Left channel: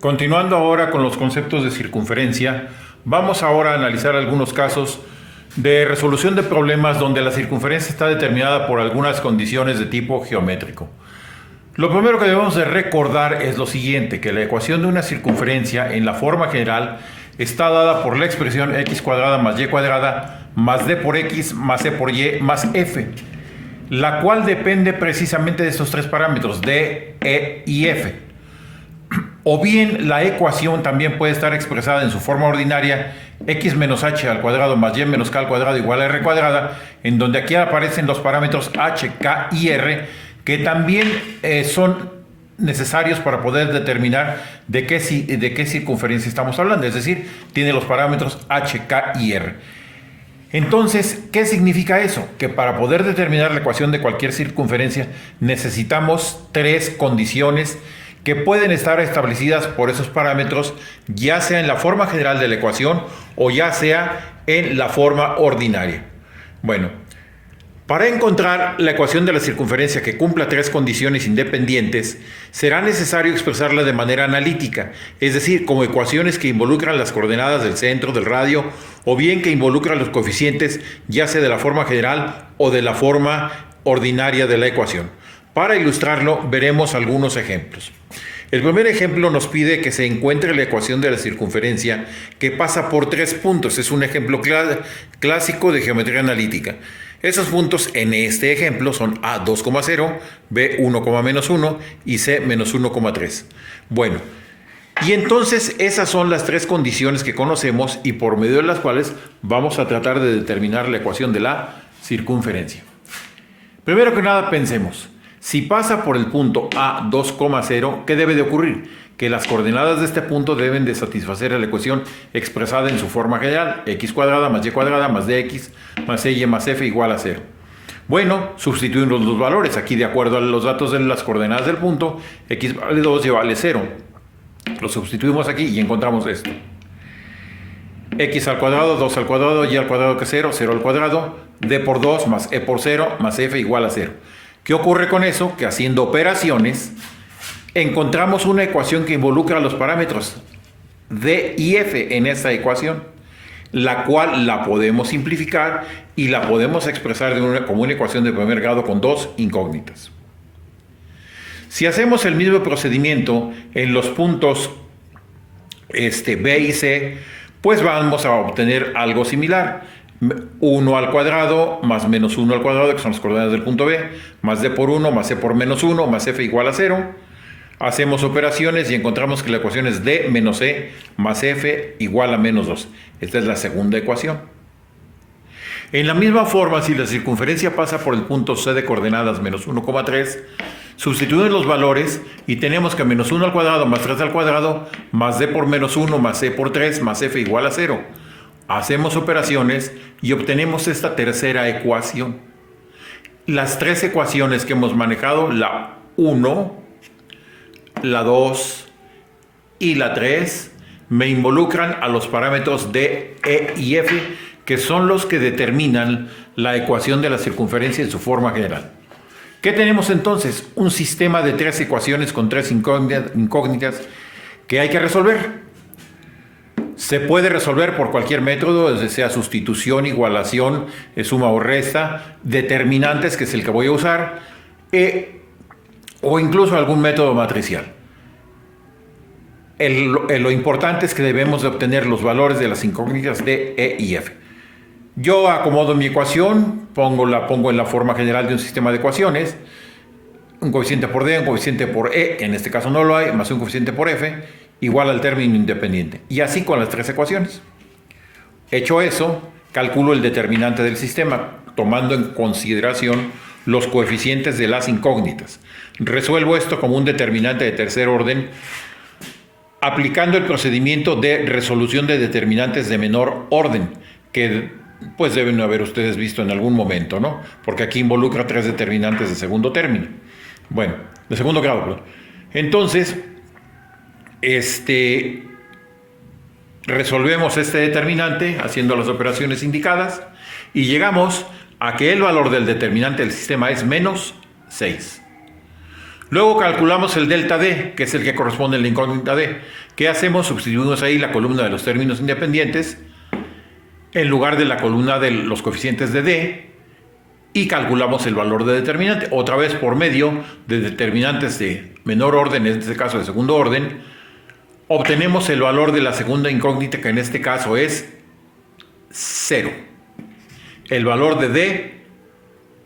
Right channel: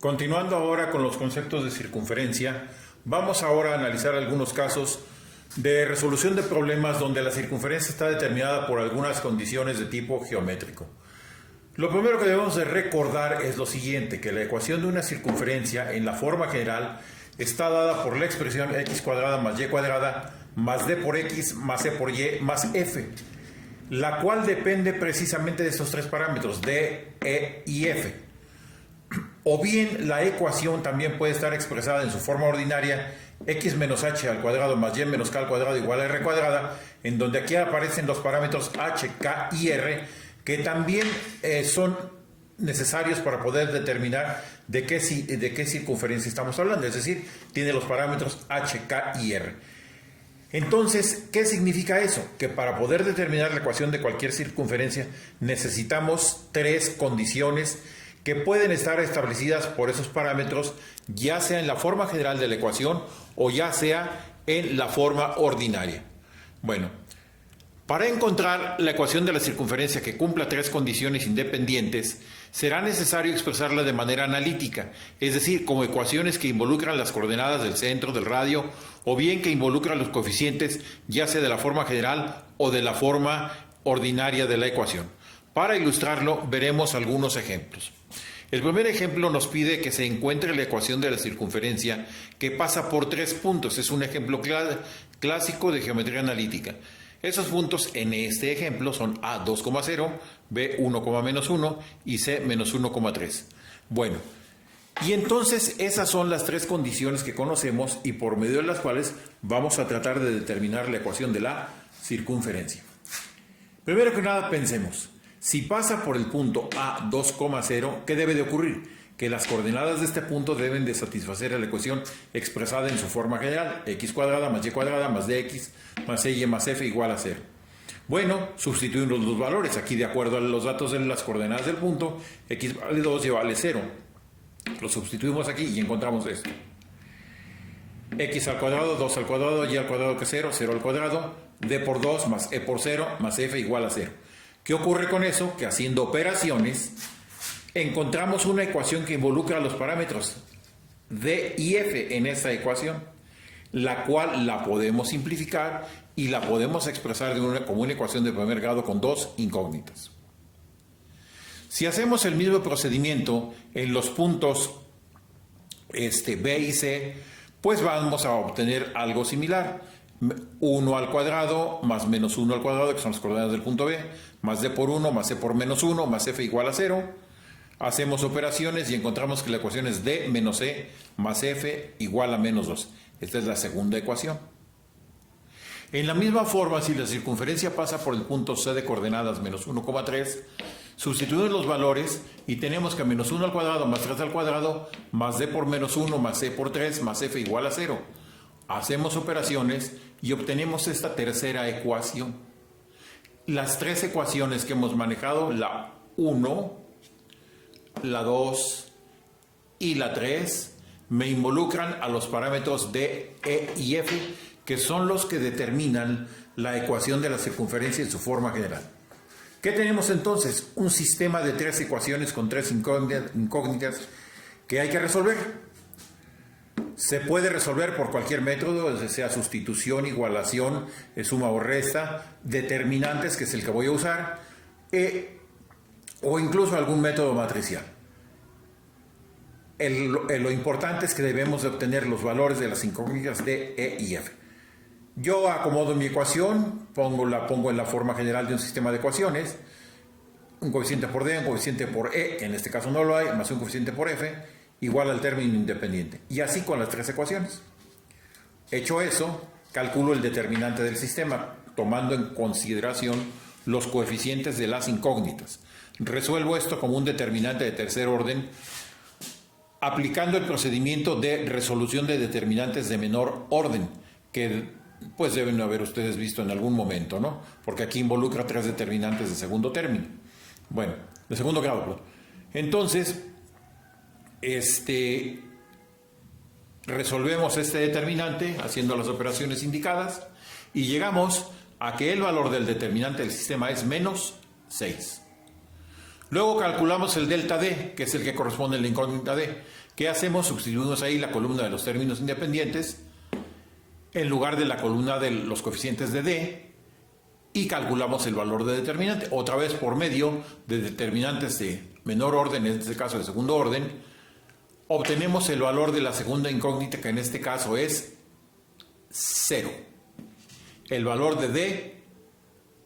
Continuando ahora con los conceptos de circunferencia, vamos ahora a analizar algunos casos de resolución de problemas donde la circunferencia está determinada por algunas condiciones de tipo geométrico. Lo primero que debemos de recordar es lo siguiente, que la ecuación de una circunferencia en la forma general está dada por la expresión x cuadrada más y cuadrada más d por x más e por y más f, la cual depende precisamente de estos tres parámetros, d, e y f. O bien la ecuación también puede estar expresada en su forma ordinaria, x menos h al cuadrado más y menos k al cuadrado igual a r cuadrada, en donde aquí aparecen los parámetros h, k y r, que también son necesarios para poder determinar de qué circunferencia estamos hablando, es decir, tiene los parámetros h, k y r. Entonces, ¿qué significa eso? Que para poder determinar la ecuación de cualquier circunferencia necesitamos tres condiciones que pueden estar establecidas por esos parámetros, ya sea en la forma general de la ecuación o ya sea en la forma ordinaria. Bueno, para encontrar la ecuación de la circunferencia que cumpla tres condiciones independientes, será necesario expresarla de manera analítica, es decir, como ecuaciones que involucran las coordenadas del centro, del radio, o bien que involucran los coeficientes, ya sea de la forma general o de la forma ordinaria de la ecuación. Para ilustrarlo, veremos algunos ejemplos. El primer ejemplo nos pide que se encuentre la ecuación de la circunferencia que pasa por tres puntos. Es un ejemplo clásico de geometría analítica. Esos puntos en este ejemplo son A 2,0, B 1,-1 y C menos 1,3. Bueno, y entonces esas son las tres condiciones que conocemos y por medio de las cuales vamos a tratar de determinar la ecuación de la circunferencia. Primero que nada pensemos. Si pasa por el punto A 2,0, ¿qué debe de ocurrir? Que las coordenadas de este punto deben de satisfacer a la ecuación expresada en su forma general, x cuadrada más y cuadrada más dx más y más f igual a 0. Bueno, sustituimos los valores. Aquí, de acuerdo a los datos de las coordenadas del punto, x vale 2 y vale 0. Lo sustituimos aquí y encontramos esto. X al cuadrado, 2 al cuadrado, y al cuadrado que es 0, 0 al cuadrado, d por 2 más e por 0 más f igual a 0. ¿Qué ocurre con eso? Que haciendo operaciones encontramos una ecuación que involucra los parámetros d y f en esta ecuación, la cual la podemos simplificar y la podemos expresar como una ecuación de primer grado con dos incógnitas. Si hacemos el mismo procedimiento en los puntos B y C, pues vamos a obtener algo similar. 1 al cuadrado más menos 1 al cuadrado, que son las coordenadas del punto B, más d por 1 más e por menos 1 más f igual a 0. Hacemos operaciones y encontramos que la ecuación es d menos e más f igual a menos 2. Esta es la segunda ecuación. En la misma forma, si la circunferencia pasa por el punto C de coordenadas menos 1,3, sustituimos los valores y tenemos que menos 1 al cuadrado más 3 al cuadrado más d por menos 1 más e por 3 más f igual a 0. Hacemos operaciones y obtenemos esta tercera ecuación. Las tres ecuaciones que hemos manejado, la 1, la 2 y la 3, me involucran a los parámetros d, e y f, que son los que determinan la ecuación de la circunferencia en su forma general. ¿Qué tenemos entonces? Un sistema de tres ecuaciones con tres incógnitas que hay que resolver. Se puede resolver por cualquier método, desde sea sustitución, igualación, suma o resta, determinantes, que es el que voy a usar, o incluso algún método matricial. Lo importante es que debemos de obtener los valores de las incógnitas de E y F. Yo acomodo mi ecuación, la pongo en la forma general de un sistema de ecuaciones, un coeficiente por D, un coeficiente por E, que en este caso no lo hay, más un coeficiente por F, igual al término independiente. Y así con las tres ecuaciones. Hecho eso, calculo el determinante del sistema, tomando en consideración los coeficientes de las incógnitas. Resuelvo esto como un determinante de tercer orden, aplicando el procedimiento de resolución de determinantes de menor orden, que pues deben haber ustedes visto en algún momento, ¿no? Porque aquí involucra tres determinantes de segundo término. Bueno, de segundo grado, perdón. Entonces, resolvemos este determinante haciendo las operaciones indicadas y llegamos a que el valor del determinante del sistema es menos 6. Luego calculamos el delta D, que es el que corresponde a la incógnita D. ¿Qué hacemos? Sustituimos ahí la columna de los términos independientes en lugar de la columna de los coeficientes de D y calculamos el valor de determinante. Otra vez por medio de determinantes de menor orden, en este caso de segundo orden, obtenemos el valor de la segunda incógnita, que en este caso es 0. El valor de D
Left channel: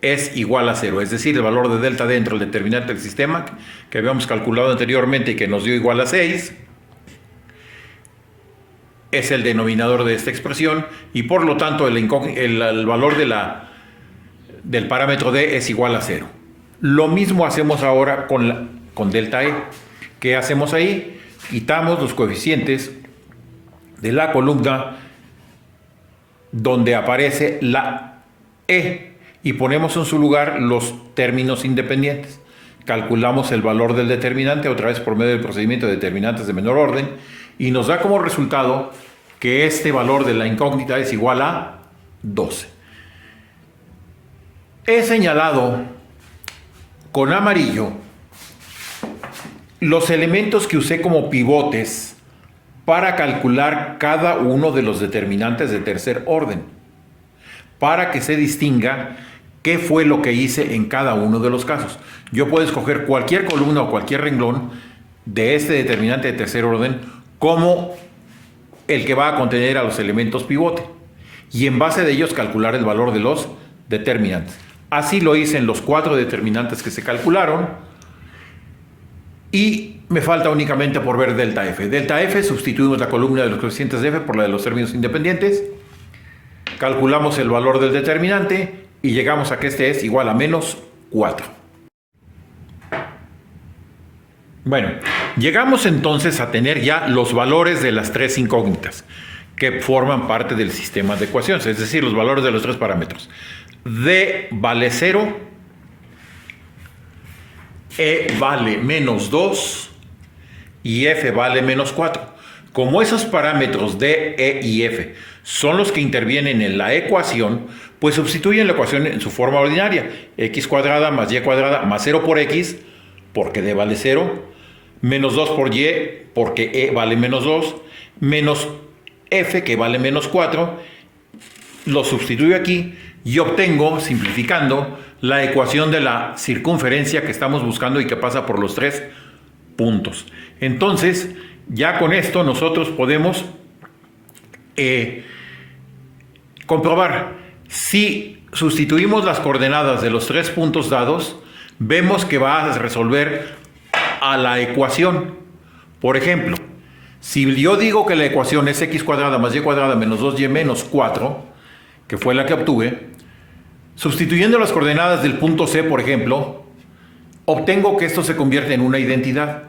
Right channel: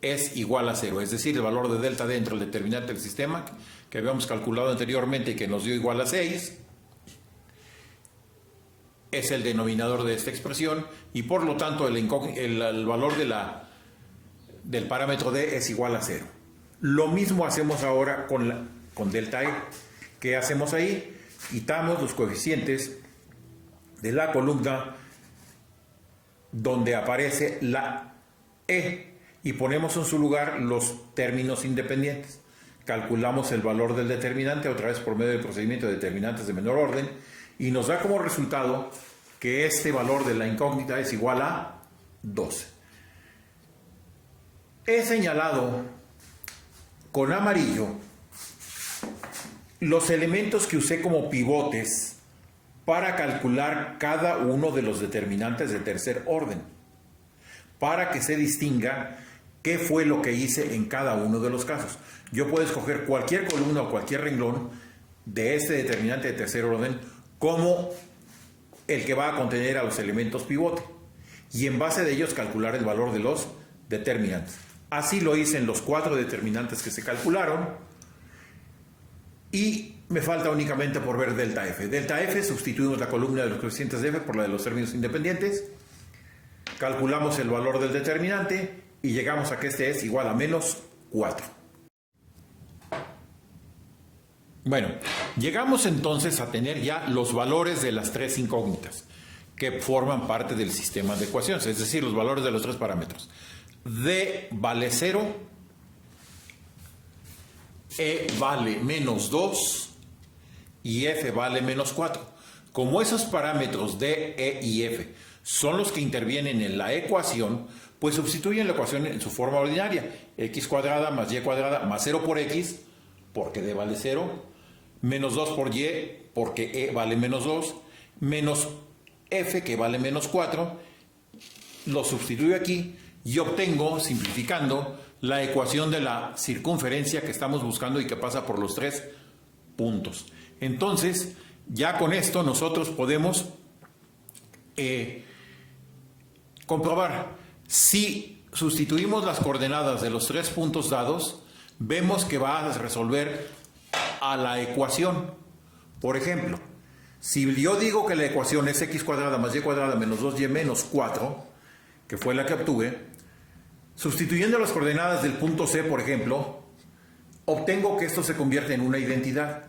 es igual a 0, es decir, el valor de delta D dentro del determinante del sistema que habíamos calculado anteriormente y que nos dio igual a 6, es el denominador de esta expresión y por lo tanto el valor del parámetro D es igual a 0. Lo mismo hacemos ahora con delta E. ¿Qué hacemos ahí? Quitamos los coeficientes de la columna donde aparece la E y ponemos en su lugar los términos independientes. Calculamos el valor del determinante otra vez por medio del procedimiento de determinantes de menor orden y nos da como resultado que este valor de la incógnita es igual a 12. He señalado con amarillo los elementos que usé como pivotes para calcular cada uno de los determinantes de tercer orden, para que se distinga qué fue lo que hice en cada uno de los casos. Yo puedo escoger cualquier columna o cualquier renglón de este determinante de tercer orden como el que va a contener a los elementos pivote y en base de ellos calcular el valor de los determinantes. Así lo hice en los 4 determinantes que se calcularon y me falta únicamente por ver delta F. Delta F, sustituimos la columna de los coeficientes de F por la de los términos independientes, calculamos el valor del determinante y llegamos a que este es igual a menos 4. Bueno, llegamos entonces a tener ya los valores de las 3 incógnitas que forman parte del sistema de ecuaciones, es decir, los valores de los 3 parámetros. D vale 0, E vale menos 2 y F vale menos 4. Como esos parámetros D, E y F son los que intervienen en la ecuación, pues sustituyen la ecuación en su forma ordinaria. X cuadrada más Y cuadrada más 0 por X, porque D vale 0, menos 2 por Y, porque E vale menos 2, menos F, que vale menos 4, lo sustituyo aquí y obtengo, simplificando, la ecuación de la circunferencia que estamos buscando y que pasa por los 3 puntos. Entonces, ya con esto nosotros podemos comprobar si sustituimos las coordenadas de los 3 puntos dados, vemos que va a resolver a la ecuación. Por ejemplo, si yo digo que la ecuación es x cuadrada más y cuadrada menos 2y menos 4, que fue la que obtuve, sustituyendo las coordenadas del punto C, por ejemplo, obtengo que esto se convierte en una identidad.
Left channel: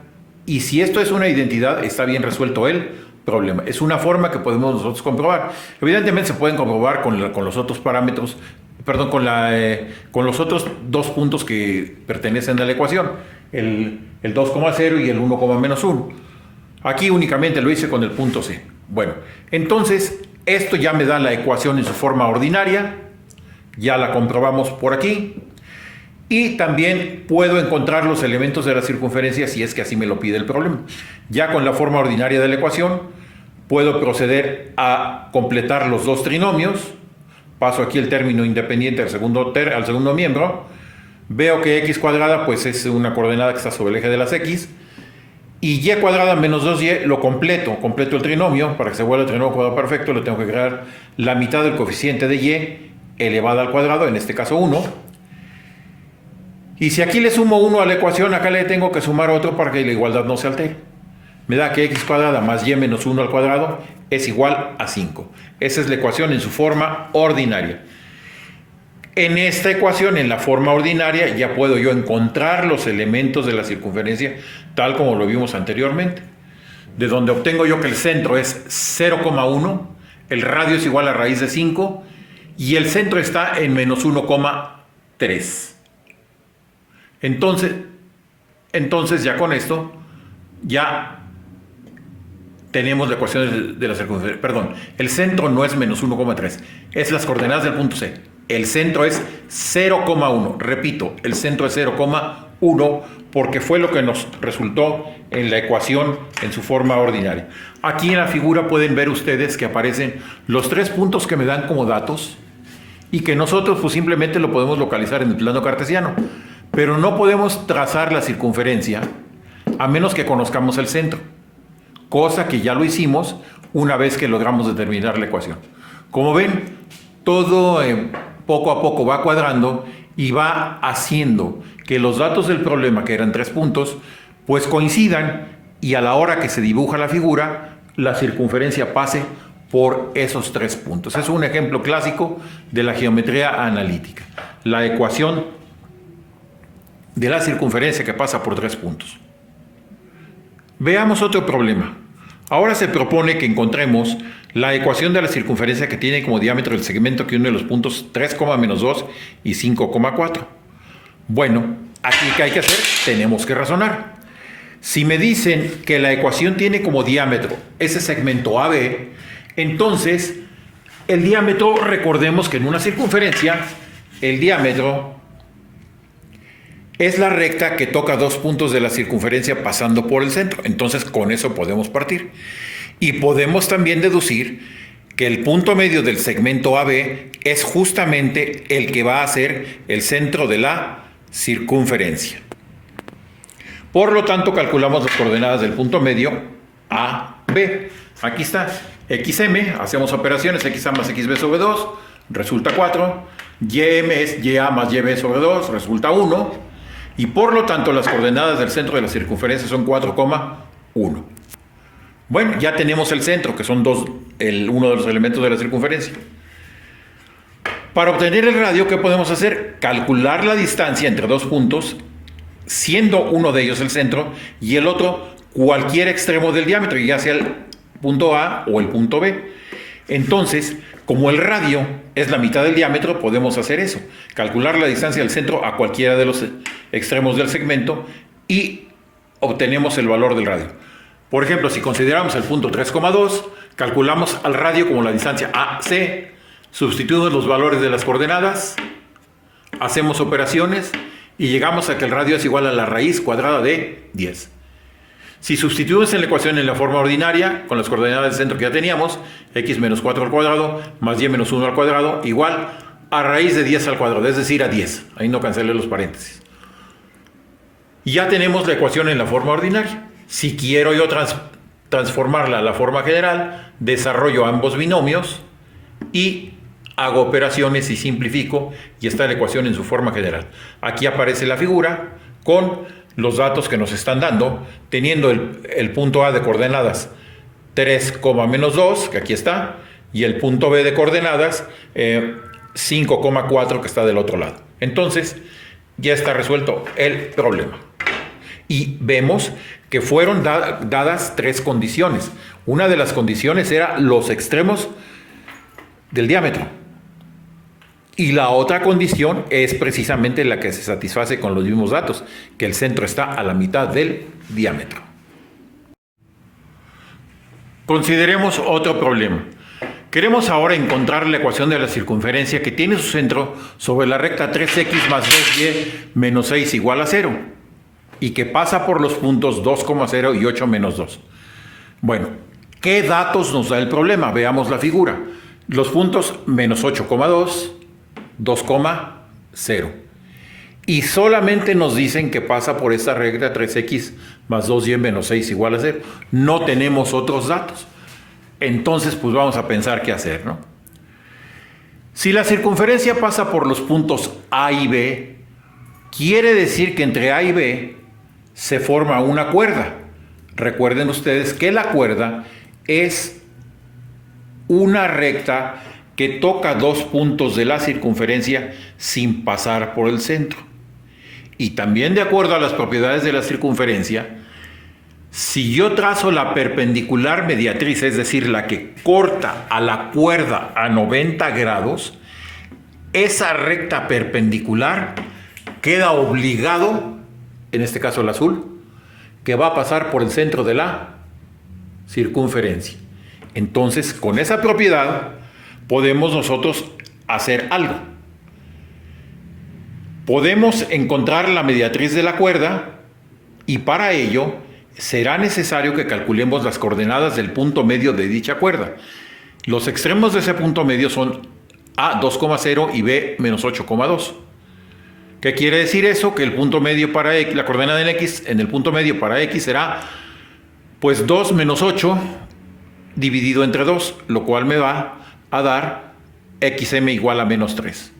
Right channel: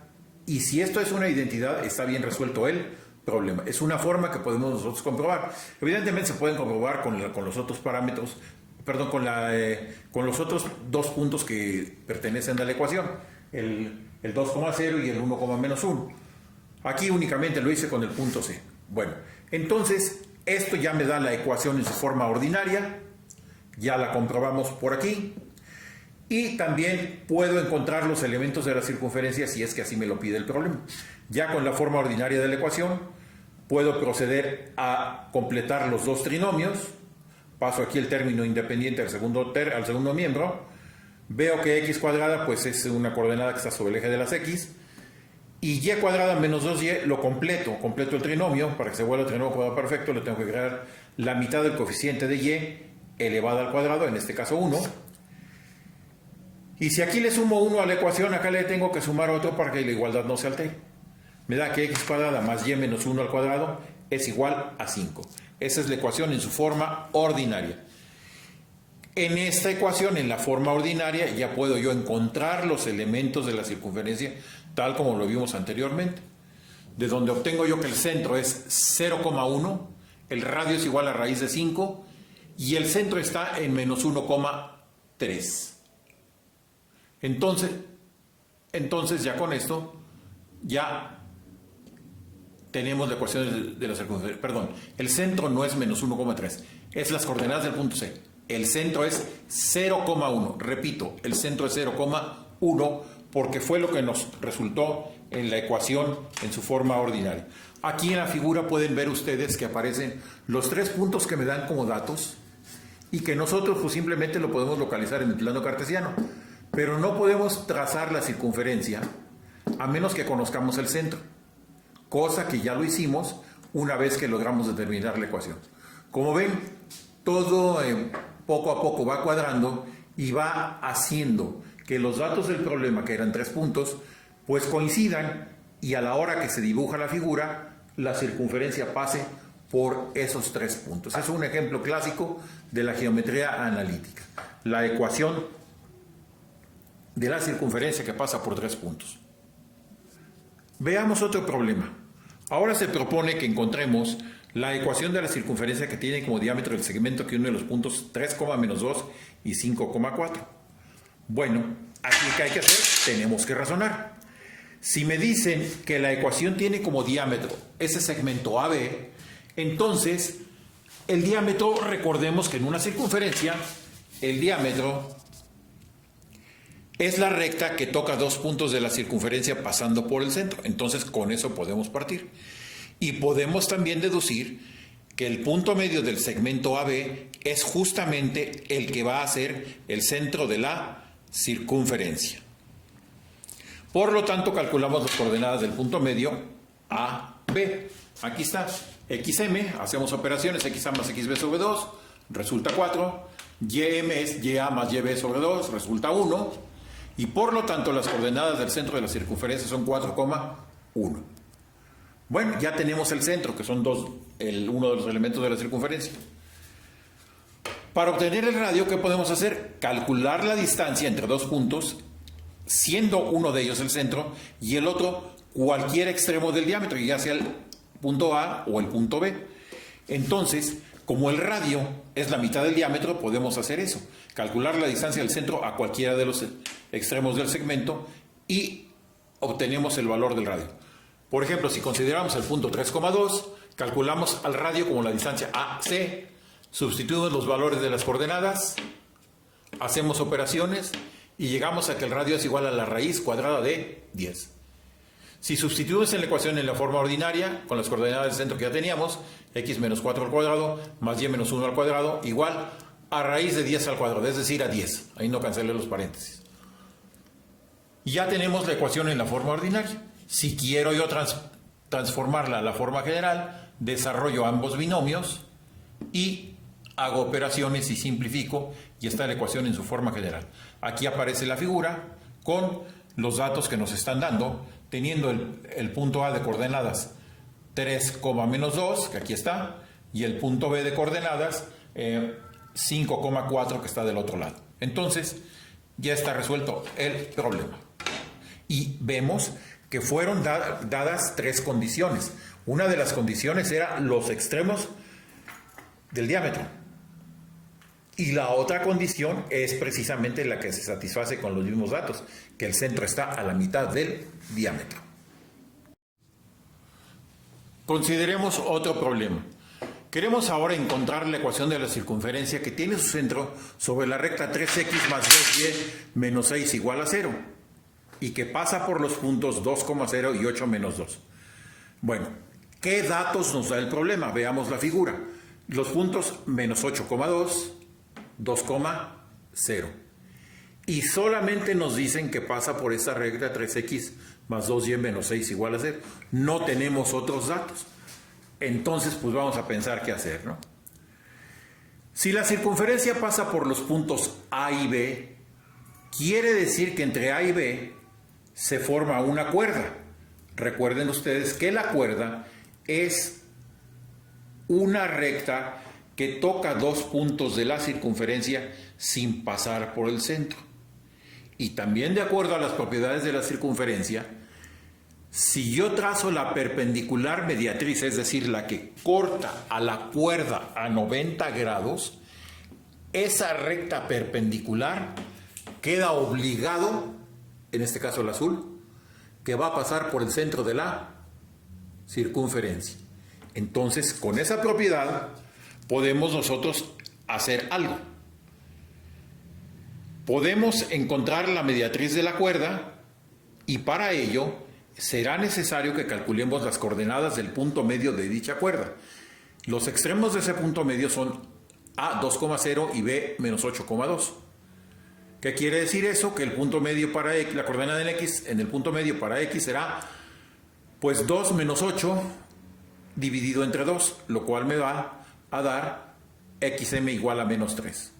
Y si esto es una identidad, está bien resuelto el problema. Es una forma que podemos nosotros comprobar. Evidentemente se pueden comprobar con los otros parámetros, perdón, con los otros 2 puntos que pertenecen a la ecuación, el 2,0 y el 1,-1. Aquí únicamente lo hice con el punto C. Bueno, entonces esto ya me da la ecuación en su forma ordinaria, ya la comprobamos por aquí, y también puedo encontrar los elementos de la circunferencia si es que así me lo pide el problema. Ya con la forma ordinaria de la ecuación puedo proceder a completar los 2 trinomios. Paso aquí el término independiente al segundo miembro. Veo que x cuadrada pues es una coordenada que está sobre el eje de las x. Y y cuadrada menos 2y lo completo el trinomio. Para que se vuelva el trinomio cuadrado perfecto le tengo que agregar la mitad del coeficiente de y elevada al cuadrado, en este caso 1. Y si aquí le sumo 1 a la ecuación, acá le tengo que sumar otro para que la igualdad no se altere. Me da que x cuadrada más y menos 1 al cuadrado es igual a 5. Esa es la ecuación en su forma ordinaria. En esta ecuación, en la forma ordinaria, ya puedo yo encontrar los elementos de la circunferencia tal como lo vimos anteriormente. De donde obtengo yo que el centro es 0,1, el radio es igual a raíz de 5 y el centro está en menos 1,3. Entonces ya con esto ya tenemos la ecuación de la circunferencia. Perdón, el centro no es menos 1,3, es las coordenadas del punto C. El centro es 0,1. Repito, el centro es 0,1. 1 porque fue lo que nos resultó en la ecuación en su forma ordinaria. Aquí en la figura pueden ver ustedes que aparecen los 3 puntos que me dan como datos y que nosotros pues simplemente lo podemos localizar en el plano cartesiano, pero no podemos trazar la circunferencia a menos que conozcamos el centro, cosa que ya lo hicimos una vez que logramos determinar la ecuación. Como ven, todo poco a poco va cuadrando y va haciendo que los datos del problema, que eran 3 puntos, pues coincidan y a la hora que se dibuja la figura, la circunferencia pase por esos 3 puntos. Es un ejemplo clásico de la geometría analítica, la ecuación de la circunferencia que pasa por 3 puntos. Veamos otro problema. Ahora se propone que encontremos la ecuación de la circunferencia que tiene como diámetro el segmento que une los puntos 3,-2 y 5,4. Bueno, aquí ¿qué hay que hacer? Tenemos que razonar. Si me dicen que la ecuación tiene como diámetro ese segmento AB, entonces el diámetro, recordemos que en una circunferencia, el diámetro es la recta que toca 2 puntos de la circunferencia pasando por el centro. Entonces con eso podemos partir. Y podemos también deducir que el punto medio del segmento AB es justamente el que va a ser el centro de la circunferencia. Por lo tanto, calculamos las coordenadas del punto medio AB. Aquí está, XM, hacemos operaciones, XA más XB sobre 2, resulta 4. YM es YA más YB sobre 2, resulta 1. Y por lo tanto, las coordenadas del centro de la circunferencia son 4,1. Bueno, ya tenemos el centro, que son uno de los elementos de la circunferencia. Para obtener el radio, ¿qué podemos hacer? Calcular la distancia entre 2 puntos, siendo uno de ellos el centro y el otro cualquier extremo del diámetro, ya sea el punto A o el punto B. Entonces, como el radio es la mitad del diámetro, podemos hacer eso. Calcular la distancia del centro a cualquiera de los extremos del segmento y obtenemos el valor del radio. Por ejemplo, si consideramos el punto 3,2, calculamos al radio como la distancia AC, sustituimos los valores de las coordenadas, hacemos operaciones y llegamos a que el radio es igual a la raíz cuadrada de 10. Si sustituimos en la ecuación en la forma ordinaria, con las coordenadas del centro que ya teníamos, x menos 4 al cuadrado más y menos 1 al cuadrado, igual a raíz de 10 al cuadrado, es decir, a 10. Ahí no cancelé los paréntesis. Y ya tenemos la ecuación en la forma ordinaria. Si quiero yo transformarla a la forma general, desarrollo ambos binomios y hago operaciones y simplifico y está la ecuación en su forma general. Aquí aparece la figura con los datos que nos están dando, teniendo el punto A de coordenadas 3,-2, que aquí está, y el punto B de coordenadas 5,4, que está del otro lado. Entonces, ya está resuelto el problema. Y vemos que fueron dadas 3 condiciones. Una de las condiciones era los extremos del diámetro. Y la otra condición es precisamente la que se satisface con los mismos datos, que el centro está a la mitad del diámetro. Consideremos otro problema. Queremos ahora encontrar la ecuación de la circunferencia que tiene su centro sobre la recta 3x más 2y menos 6 igual a 0 y que pasa por los puntos 2,0 y 8 menos 2. Bueno, ¿qué datos nos da el problema? Veamos la figura. Los puntos menos 8,2, 2,0. Y solamente nos dicen que pasa por esta recta 3x más 2y menos 6 igual a 0. No tenemos otros datos. Entonces, pues vamos a pensar qué hacer, ¿no? Si la circunferencia pasa por los puntos A y B, quiere decir que entre A y B se forma una cuerda. Recuerden ustedes que la cuerda es una recta que toca 2 puntos de la circunferencia sin pasar por el centro. Y también de acuerdo a las propiedades de la circunferencia, si yo trazo la perpendicular mediatriz, es decir, la que corta a la cuerda a 90 grados, esa recta perpendicular queda obligado, en este caso el azul, que va a pasar por el centro de la circunferencia. Entonces, con esa propiedad podemos nosotros hacer algo. Podemos encontrar la mediatriz de la cuerda y para ello será necesario que calculemos las coordenadas del punto medio de dicha cuerda. Los extremos de ese punto medio son A 2,0 y B menos 8,2. ¿Qué quiere decir eso? Que el punto medio para X, la coordenada en X, en el punto medio para X será pues 2 menos 8 dividido entre 2, lo cual me va a dar XM igual a menos 3.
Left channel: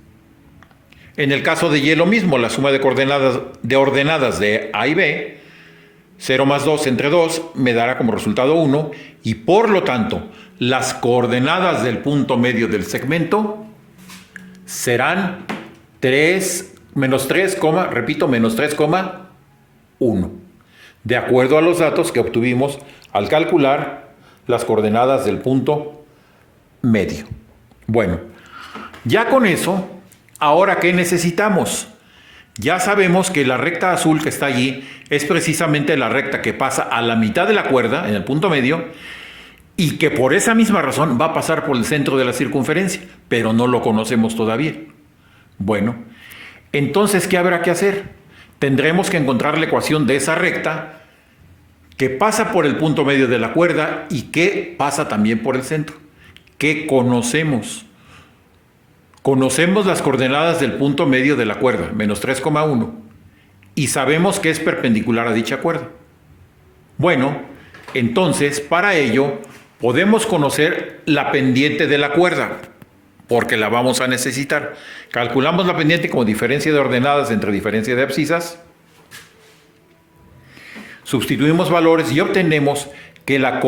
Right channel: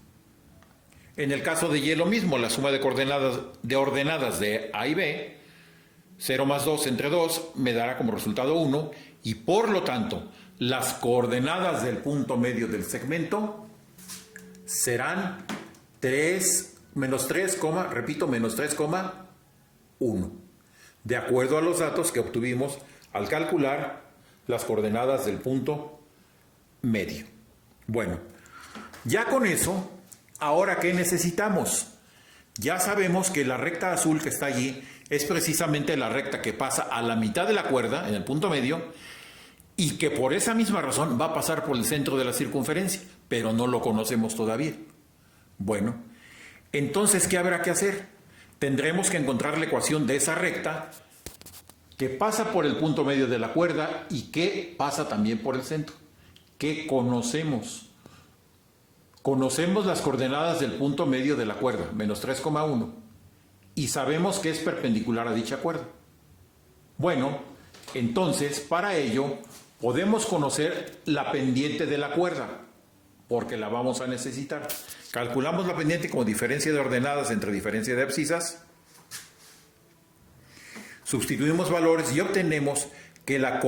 En el caso de Y lo mismo, la suma de coordenadas de ordenadas de A y B, 0 más 2 entre 2 me dará como resultado 1 y por lo tanto las coordenadas del punto medio del segmento serán menos 3,1, de acuerdo a los datos que obtuvimos al calcular las coordenadas del punto medio. Bueno, ya con eso, ¿ahora qué necesitamos? Ya sabemos que la recta azul que está allí es precisamente la recta que pasa a la mitad de la cuerda, en el punto medio, y que por esa misma razón va a pasar por el centro de la circunferencia, pero no lo conocemos todavía. Bueno, entonces, ¿qué habrá que hacer? Tendremos que encontrar la ecuación de esa recta que pasa por el punto medio de la cuerda y que pasa también por el centro. ¿Qué conocemos? Conocemos las coordenadas del punto medio de la cuerda, menos 3,1, y sabemos que es perpendicular a dicha cuerda. Bueno, entonces, para ello, podemos conocer la pendiente de la cuerda, porque la vamos a necesitar. Calculamos la pendiente como diferencia de ordenadas entre diferencia de abscisas. Sustituimos valores y obtenemos que la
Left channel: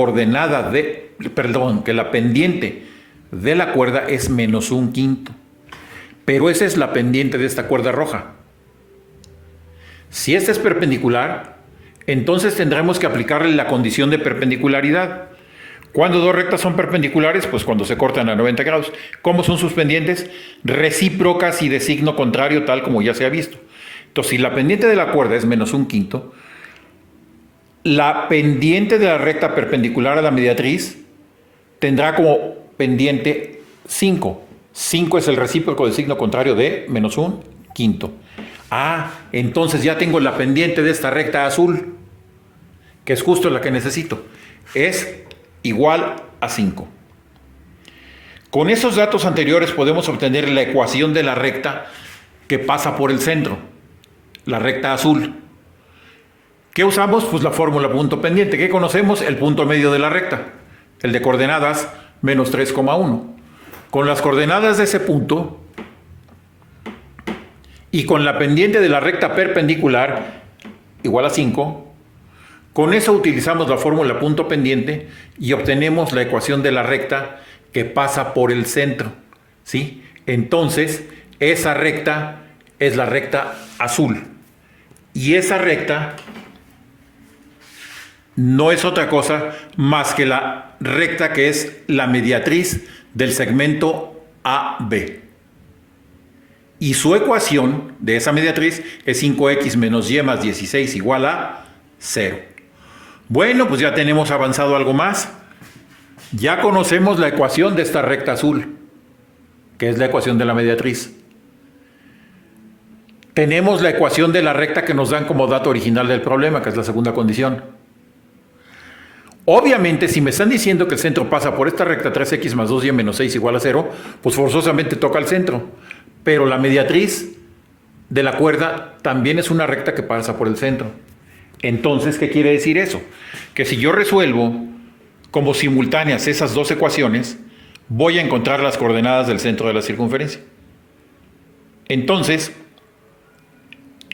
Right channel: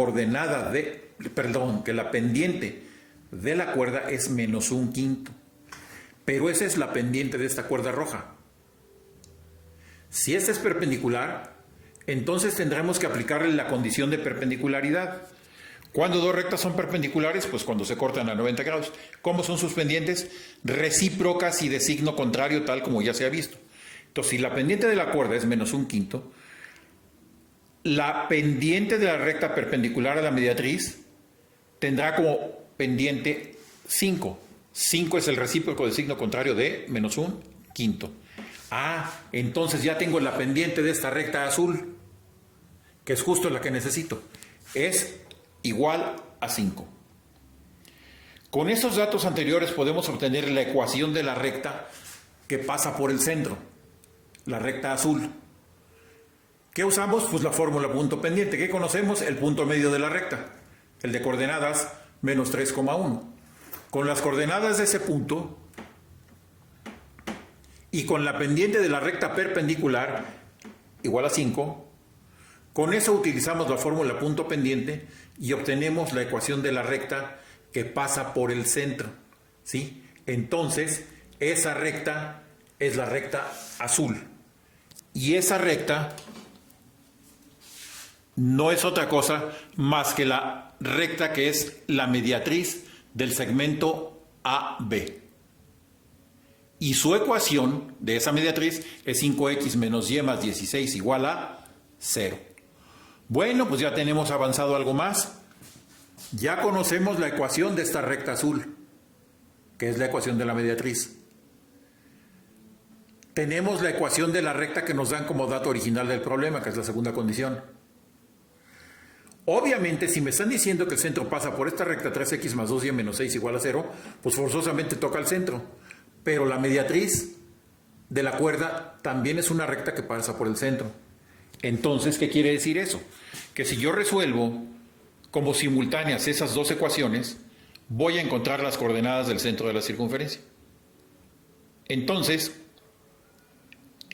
pendiente de la cuerda es menos 1/5. Pero esa es la pendiente de esta cuerda roja. Si esta es perpendicular, entonces tendremos que aplicarle la condición de perpendicularidad. ¿Cuándo dos rectas son perpendiculares? Pues cuando se cortan a 90 grados. ¿Cómo son sus pendientes? Recíprocas y de signo contrario, tal como ya se ha visto. Entonces, si la pendiente de la cuerda es menos 1/5, la pendiente de la recta perpendicular a la mediatriz tendrá como pendiente 5. 5 es el recíproco de signo contrario de menos 1/5. Entonces ya tengo la pendiente de esta recta azul, que es justo la que necesito. Es igual a 5. Con esos datos anteriores podemos obtener la ecuación de la recta que pasa por el centro, la recta azul. ¿Qué usamos? Pues la fórmula punto pendiente. ¿Qué conocemos? El punto medio de la recta, el de coordenadas menos 3,1. Con las coordenadas de ese punto y con la pendiente de la recta perpendicular igual a 5, con eso utilizamos la fórmula punto pendiente y obtenemos la ecuación de la recta que pasa por el centro, ¿sí? Entonces, esa recta es la recta azul. Y esa recta no es otra cosa más que la recta que es la mediatriz del segmento AB. Y su ecuación de esa mediatriz es 5x menos y más 16 igual a 0. Bueno, pues ya tenemos avanzado algo más. Ya conocemos la ecuación de esta recta azul, que es la ecuación de la mediatriz. Tenemos la ecuación de la recta que nos dan como dato original del problema, que es la segunda condición. Obviamente, si me están diciendo que el centro pasa por esta recta 3x más 2y menos 6 igual a 0, pues forzosamente toca el centro. Pero la mediatriz de la cuerda también es una recta que pasa por el centro. Entonces, ¿qué quiere decir eso? Que si yo resuelvo como simultáneas esas dos ecuaciones, voy a encontrar las coordenadas del centro de la circunferencia. Entonces,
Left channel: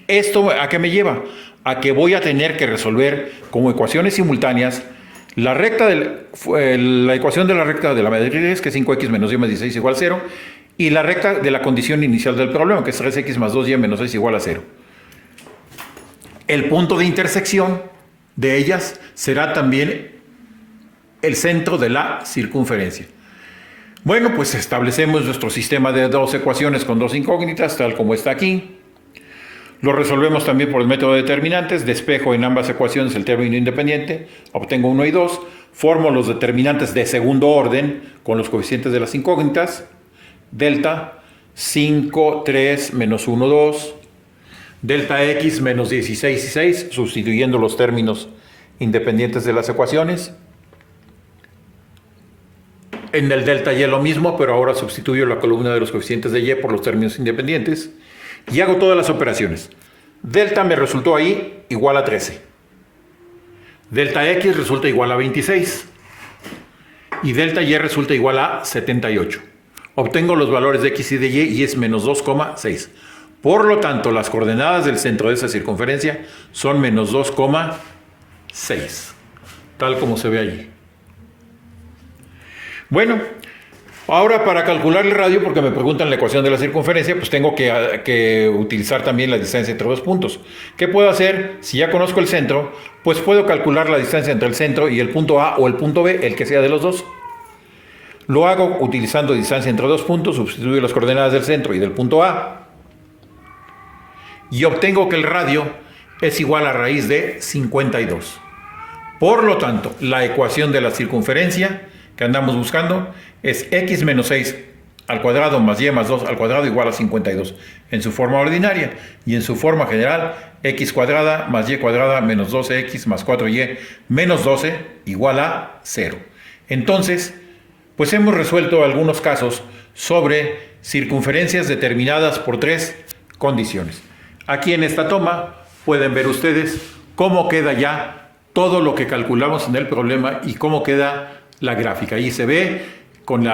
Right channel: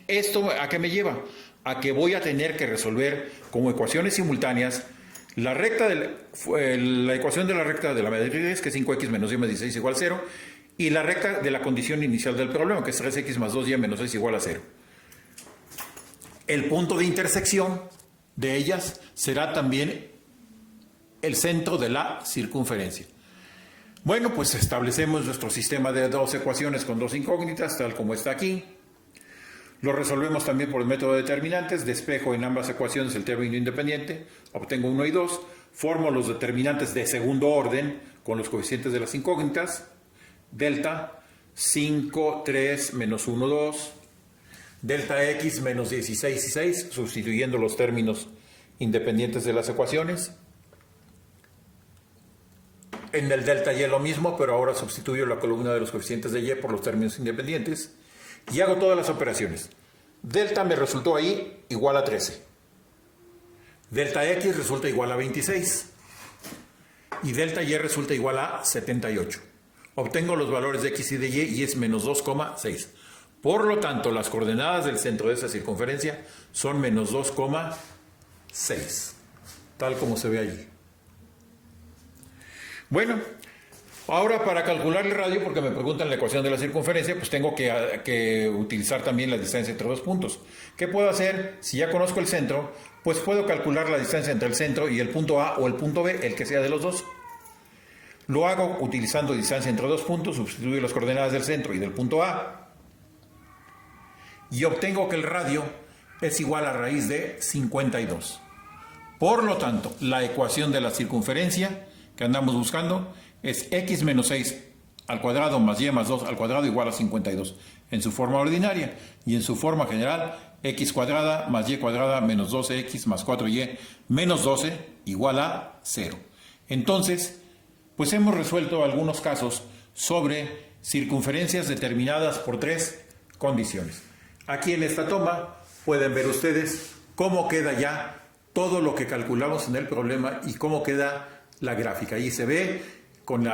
¿esto a qué me lleva? A que voy a tener que resolver como ecuaciones simultáneas la ecuación de la recta de la mediatriz, que es 5x menos y más 16 igual a 0, y la recta de la condición inicial del problema, que es 3x más 2y menos 6 igual a 0. El punto de intersección de ellas será también el centro de la circunferencia. Bueno, pues establecemos nuestro sistema de dos ecuaciones con dos incógnitas, tal como está aquí. Lo resolvemos también por el método de determinantes, despejo en ambas ecuaciones el término independiente, obtengo 1 y 2, formo los determinantes de segundo orden con los coeficientes de las incógnitas, delta, 5, 3, menos 1, 2, delta x menos 16 y 6, sustituyendo los términos independientes de las ecuaciones. En el delta y lo mismo, pero ahora sustituyo la columna de los coeficientes de y por los términos independientes y hago todas las operaciones. Delta me resultó ahí igual a 13. Delta x resulta igual a 26. Y delta y resulta igual a 78. Obtengo los valores de x y de y es menos 2,6. Por lo tanto, las coordenadas del centro de esa circunferencia son menos 2,6. Tal como se ve allí. Bueno, ahora para calcular el radio, porque me preguntan la ecuación de la circunferencia, pues tengo que utilizar también la distancia entre dos puntos. ¿Qué puedo hacer? Si ya conozco el centro, pues puedo calcular la distancia entre el centro y el punto A o el punto B, el que sea de los dos. Lo hago utilizando distancia entre dos puntos, sustituyo las coordenadas del centro y del punto A. Y obtengo que el radio es igual a raíz de 52. Por lo tanto, la ecuación de la circunferencia que andamos buscando es x menos 6 al cuadrado más y más 2 al cuadrado igual a 52 en su forma ordinaria, y en su forma general x cuadrada más y cuadrada menos 12x más 4y menos 12 igual a 0. Entonces, pues hemos resuelto algunos casos sobre circunferencias determinadas por tres condiciones. Aquí en esta toma pueden ver ustedes cómo queda ya todo lo que calculamos en el problema y cómo queda la gráfica. Ahí se ve con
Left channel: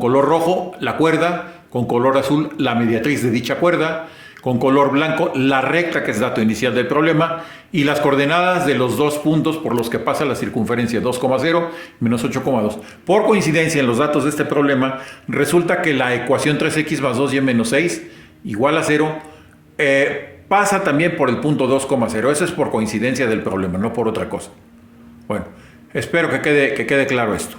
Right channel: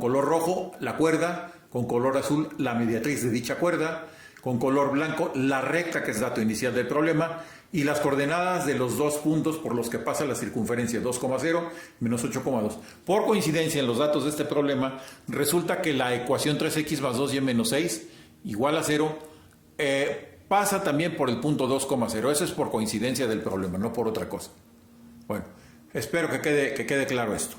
color rojo la cuerda, con color azul la mediatriz de dicha cuerda, con color blanco la recta que es dato inicial del problema y las coordenadas de los dos puntos por los que pasa la circunferencia 2,0 menos 8,2. Por coincidencia en los datos de este problema resulta que la ecuación 3x más 2y menos 6 igual a 0 pasa también por el punto 2,0. Eso es por coincidencia del problema, no por otra cosa. Bueno, espero que quede claro esto.